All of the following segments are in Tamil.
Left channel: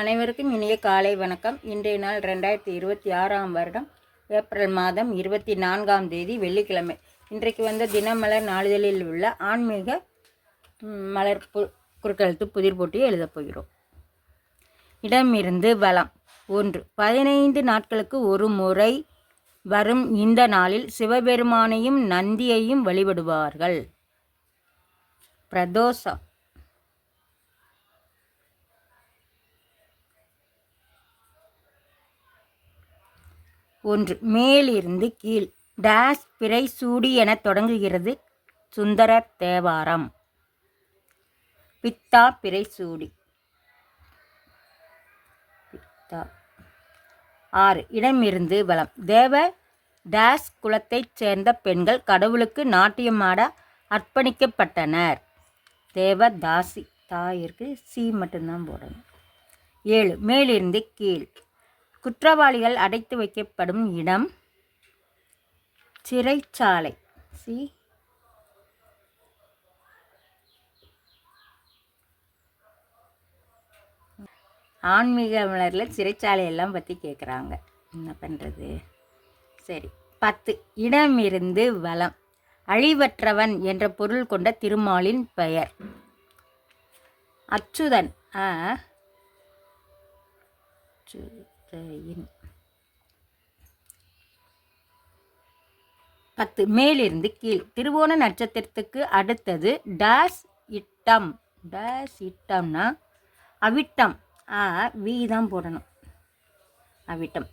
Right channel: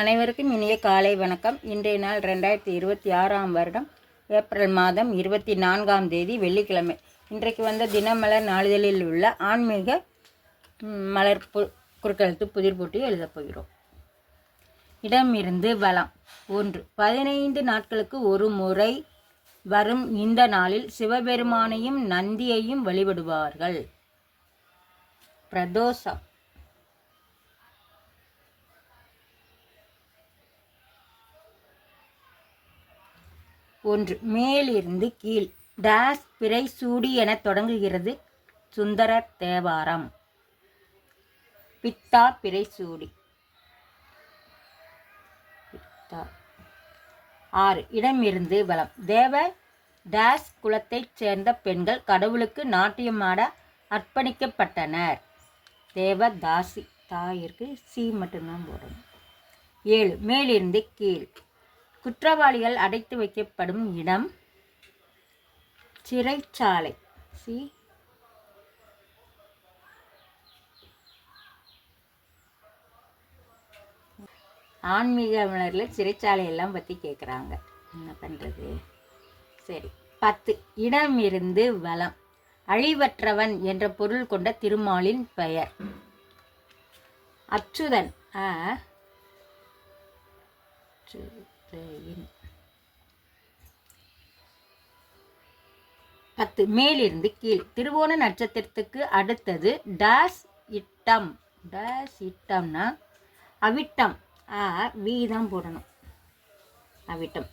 அனைவருக்கும் இனிய காலை வணக்கம். இன்றைய நாள் 2026 வருடம் ஏப்ரல் மாதம் 24ஆம் தேதி வெள்ளிக்கிழமை. இன்றைக்கு வந்த தினமலர் நாளிதழில் உள்ள ஆன்மீக மலர் குறுக்கெழுத்து புதிர் போட்டியை எழுதப் போகிறோம். இடமிருந்து வலம். 1. 15 நாட்களுக்கு ஒரு முறை வரும் இந்த நாளில் சிவபெருமானையும் நந்தியையும் வழிபடுவார்கள். பிரதோஷம். 1. மேலிருந்து கீழ் டேஸ் பிறை சூடி என தொடங்குகிறது சுந்தர தேவாரம். பித்தா பிறை சூடி. 6. இடமிருந்து வலம். தேவ டேஸ் குலத்தைச் சேர்ந்த பெண்கள் கடவுளுக்கு நாட்டியமாட அர்ப்பணிக்கப்பட்டனர். தேவதாசி. தாயிற்கு சி மட்டும்தான் போடணும். 7. மேலிருந்து கீழ் குற்றவாளிகள் அடைத்து வைக்கப்படும் இடம் சிறைச்சாலை. சி. ஆன்மீக மலரில் சிறைச்சாலை எல்லாம் பற்றி கேட்குறாங்க, என்ன பண்ணுறது? சரி. 10. இடமிருந்து வலம். அழிவற்றவன் என்ற பொருள் கொண்ட திருமாலின் பெயர் அச்சுதன். 10. மேலிருந்து கீழ் திருவோண நட்சத்திரத்துக்கு அடுத்தது டேஸ் இட்டம். டேஸ் இட்டம்னா அவிட்டம். வி தான் போடணும். அவிட்டம்.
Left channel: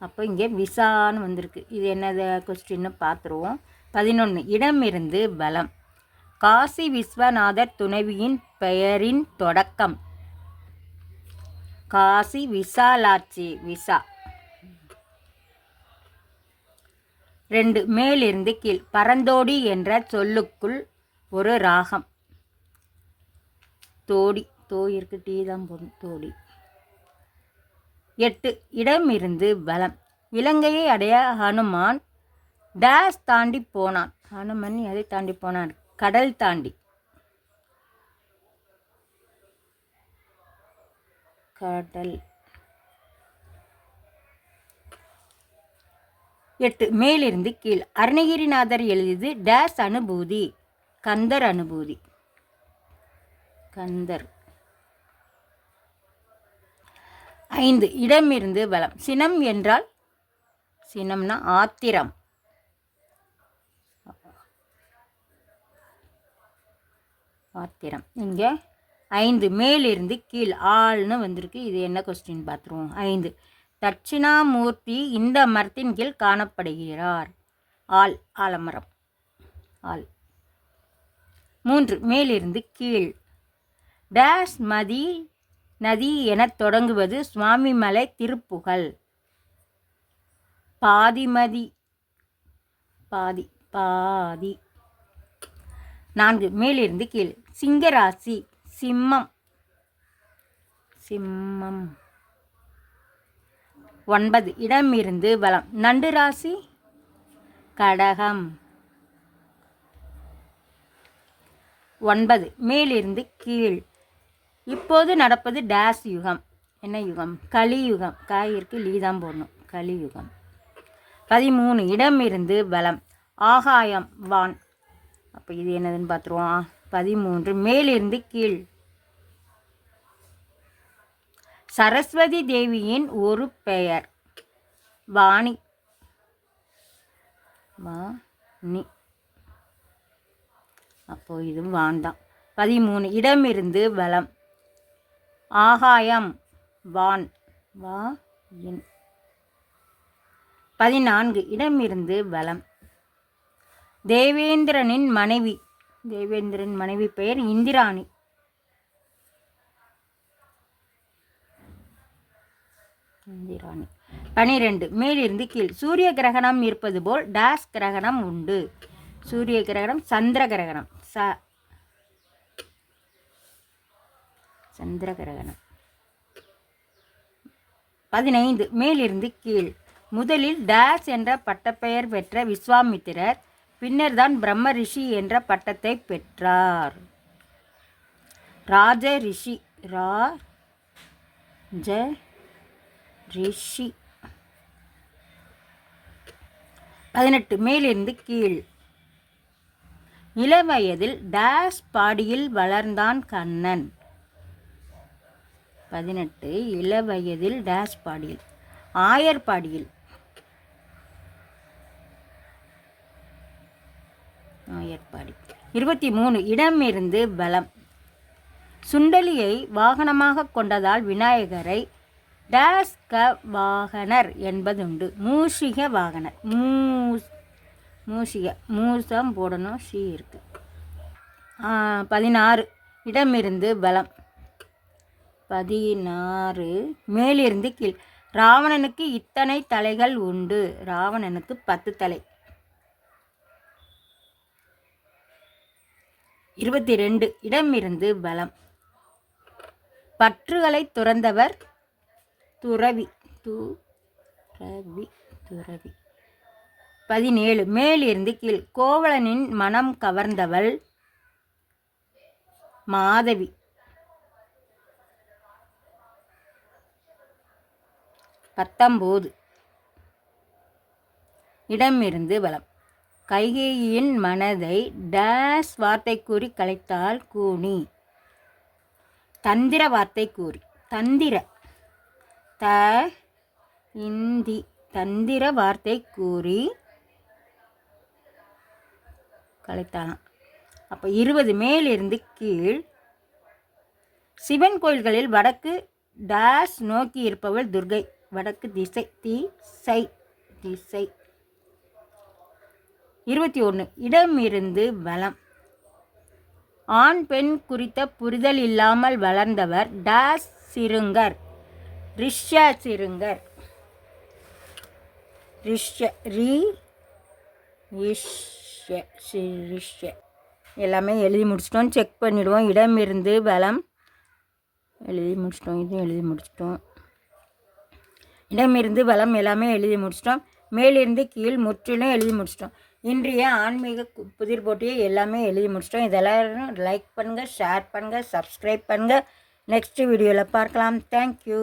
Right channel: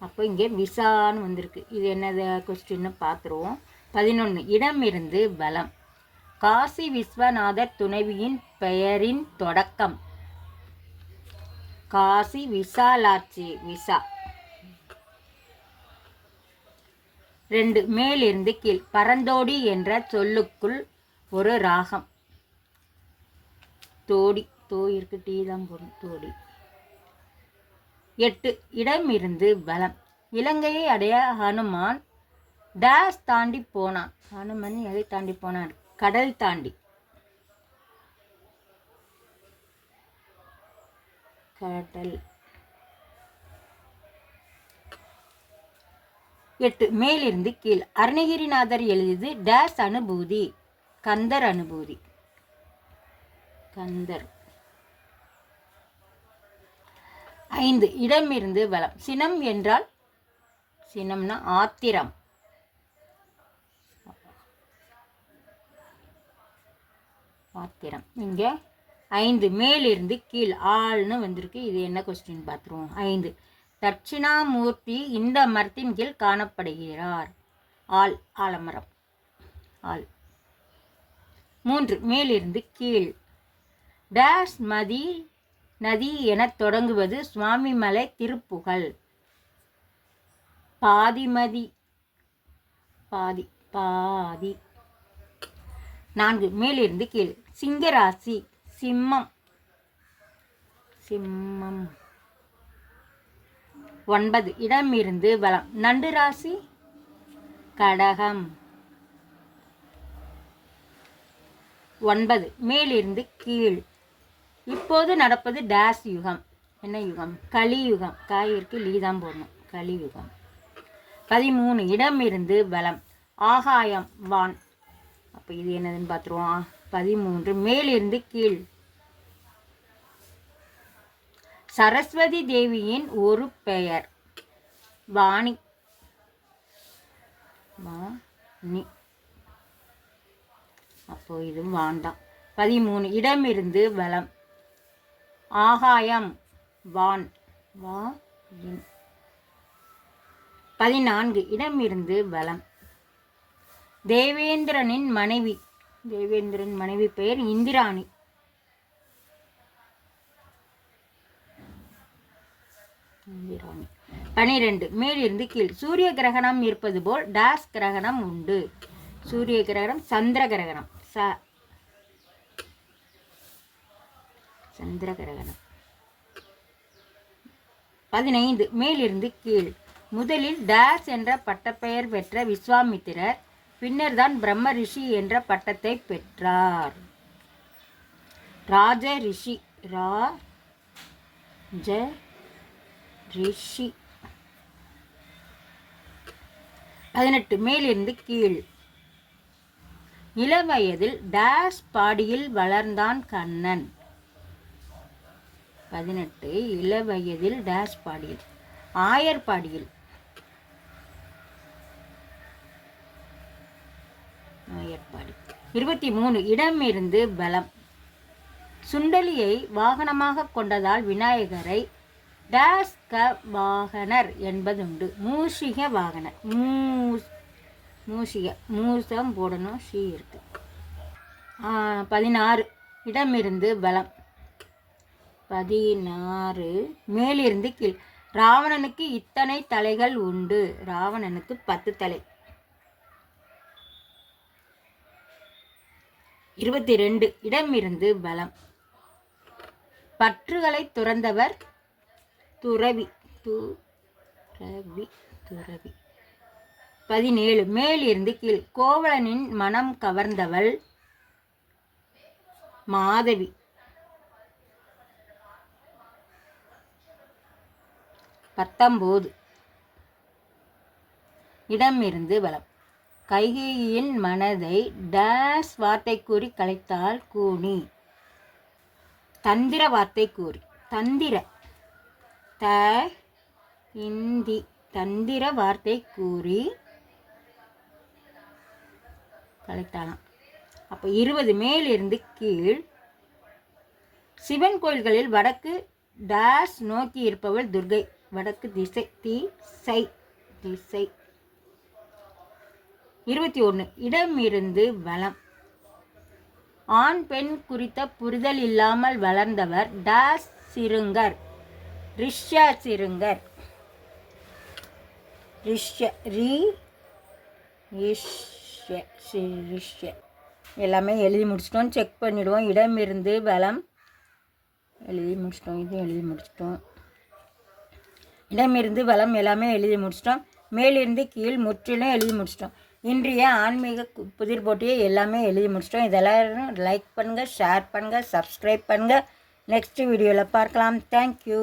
அப்போ இங்கே விசான்னு வந்திருக்கு. இது என்னது கொஸ்டின்னு பார்த்துருவோம். 11. இடமிருந்து வலம். காசி விஸ்வநாதர் துணைவியின் பெயரின் தொடக்கம். காசி விசாலாட்சி. விசா. 2. மேலிருந்து கீழ் பரந்தோடி என்ற சொல்லுக்குள் ஒரு ராகம். தோடி. தோயிற்கு டீ தான் போடும். தோடி. 8. இடமிருந்து வலம். இலங்கையை அடைய ஹனுமான் டேஸ் தாண்டி போனான். ஹனுமன் எதை தாண்டி போனான்? கடல் தாண்டி. கடல். 8. மேலிருந்து கீழ் அருணகிரிநாதர் எழுதியது டேஸ் அனுபூதி. கந்தர் அனுபூதி. கந்தர். 5. இடமிருந்து வலம். சினம் என்றால் சினம்னா ஆத்திரம். ஆத்திரம். இங்கே 5. மேலிருந்து கீழ் ஆள்னு வந்திருக்கு. இது என்ன கொஸ்டின் பார்த்துருவோம். 5. தட்சிணாமூர்த்தி இந்த மரத்தின் கீழ் காணப்படுகிறார். ஆள். ஆலமரம். ஆள். 3. மேலிருந்து கீழ் டேஸ் மதி நதி என தொடங்குவது சுவாமிமலை திருப்புகழ். பாதிமதி. பாதி. பாதி. 4. மேலிருந்து கீழ் சிங்கராசி. சிம்மம். சிம்மம். 9. இடமிருந்து வலம். நண்டு ராசி. கடகம். 9. மேலிருந்து கீழ் இப்போது நடப்பது டேஸ் யுகம். என்ன யுகம்? கலியுகம். காயிற்கு லீதான் போடணும். கலியுகம். 13. இடமிருந்து வலம். ஆகாயம். வான். அப்போ இது என்னதுன்னு பார்த்துருவோம். 13. மேலிருந்து கீழ் சரஸ்வதி தேவியின் ஒரு பெயர் வாணி. வாணி. அப்போ இது வாண்டாம். 13. இடமிருந்து வலம். ஆகாயம். வான். வா. 14. இடமிருந்து வலம். தேவேந்திரனின் மனைவி. தேவேந்திரன் மனைவி பெயர் இந்திராணி. இந்திராணி. 12. மேலிருந்து கீழ் சூரிய கிரகணம் இருப்பது போல் டேஸ் கிரகணம் உண்டு. சூரிய கிரகணம். சந்திர கிரகணம். சந்திர கிரகணம். 15. மேலிருந்து கீழ் முதலில் டேஸ் என்ற பட்டப்பெயர் பெற்ற விஸ்வாமித்திரர் பின்னர் தான் பிரம்ம ரிஷி என்ற பட்டத்தை பெற்றார். ராஜ ரிஷி. ஜ ரிஷி. 18 மேலிருந்து கீழ். இளவயதில் டேஸ் பாடியில் வளர்ந்தான் கண்ணன். 18 இளவயதில் டேஸ் பாடியில், ஆயர்பாடியில். 23 இடமிருந்து பலம். சுண்டலியை வாகனமாக கொண்டதால் விநாயகரை டேஸ்க வாகனர் என்பதுண்டு. மூஷிக வாகனர். மூஷிக மூசம் போடணும், ஷீ இருக்கு. 16 இடமிருந்து பலம். 16 மேலிருந்து கீழ். ராவணனுக்கு இத்தனை தலைகள் உண்டு. ராவணனுக்கு 10 தலை. 22 இடமிருந்து பலம். பற்றுகளை துறந்தவர் துறவி. துறவி. 17 மேலிருந்து கீழ். கோவலனின் மனம் கவர்ந்தவள் மாதவி. 19 இடமிருந்து பலம். கைகேயின் மனதை டேஸ் வார்த்தை கூறி கலைத்தாள் கூனி. தந்திர வார்த்தை கூறி. தந்திர தந்திர வார்த்தை கூறி கலைத்தாளாம். அப்போ 20 மேலிருந்து கீழ். சிவன் கோயில்களில் வடக்கு டேஸ் நோக்கி இருப்பவள் துர்கை. வடக்கு திசை. திசை. 21 இடமிருந்து பலம். ஆண் பெண் குறித்த புரிதல் இல்லாமல் வளர்ந்தவர் டேஸ் சிறுங்கர். ரிஷ்ய சிறுங்கர். எல்லாமே எழுதி முடிச்சிட்டோம். செக் பண்ணிவிடுவோம். இடமிருந்து பலம் எழுதி முடிச்சிட்டோம். இது எழுதி முடிச்சிட்டோம். இடமிருந்து பலம் எல்லாமே எழுதி முடிச்சிட்டோம். மேலிருந்து கீழ் முற்றிலும் எழுதி முடிச்சிட்டோம். இன்றைய ஆன்மீக புதிர் போட்டியை எல்லாமே எழுதி முடிச்சிட்டோம். இதெல்லாம் லைக் பண்ணுங்கள், ஷேர் பண்ணுங்கள், சப்ஸ்கிரைப் பண்ணுங்கள். நெக்ஸ்ட் வீடியோவில் பார்க்கலாம். தேங்க்யூ.